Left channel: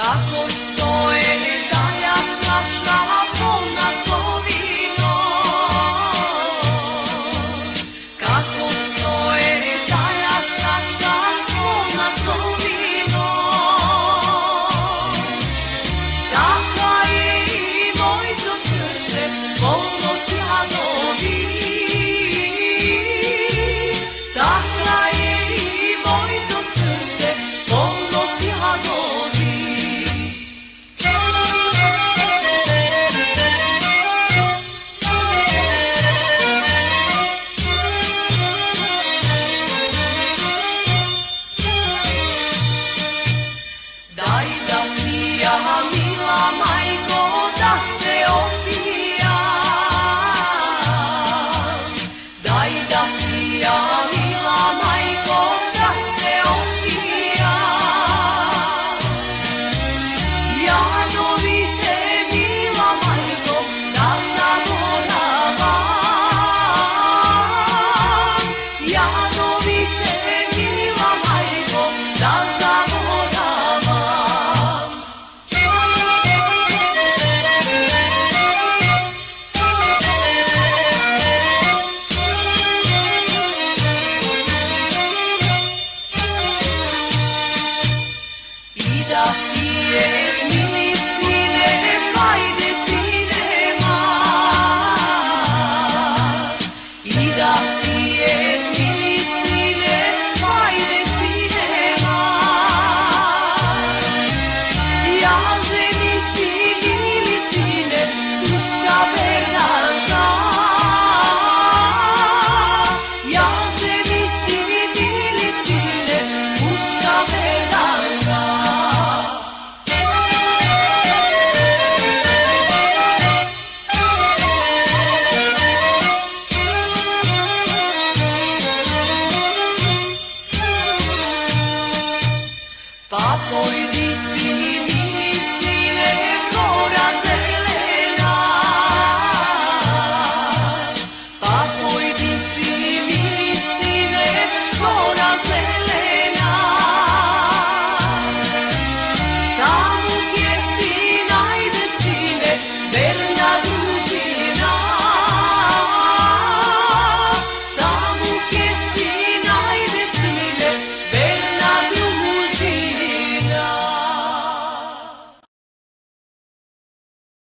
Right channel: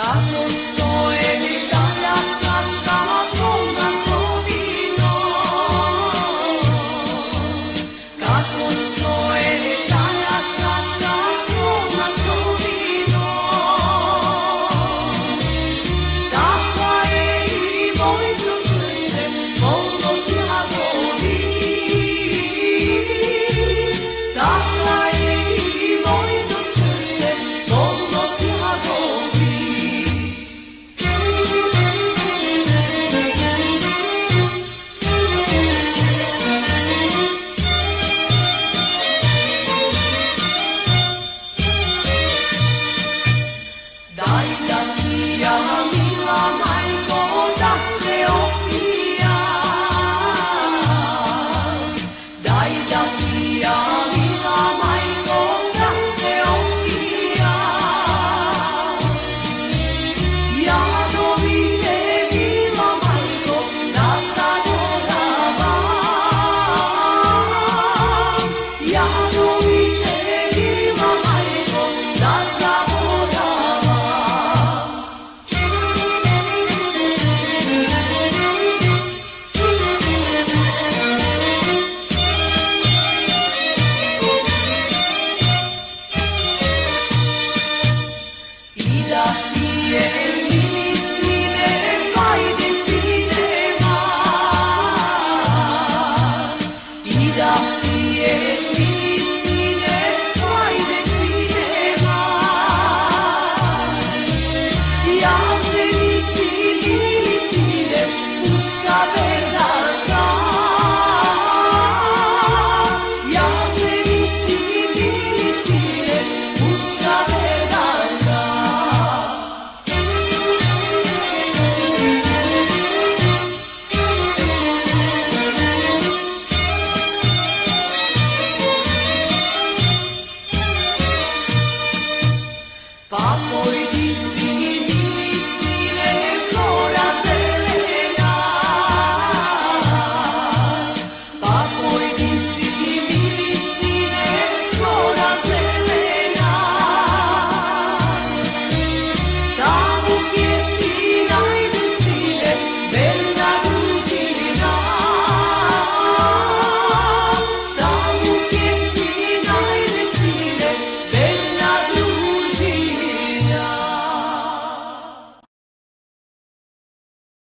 Kako stoje dalja čaša polna zovinom, kako stoje dalja čaša polna zovinom, takva je i mojto srce polno sladovi, takva je i mojto srce polno sladovi. Daj da pija, mila majko, da se opijam. Daj da pija, mila majko, da se opijam. Jadovite, mila majko, da zaboravam. Jadovite, mila majko, da zaboravam. I da pije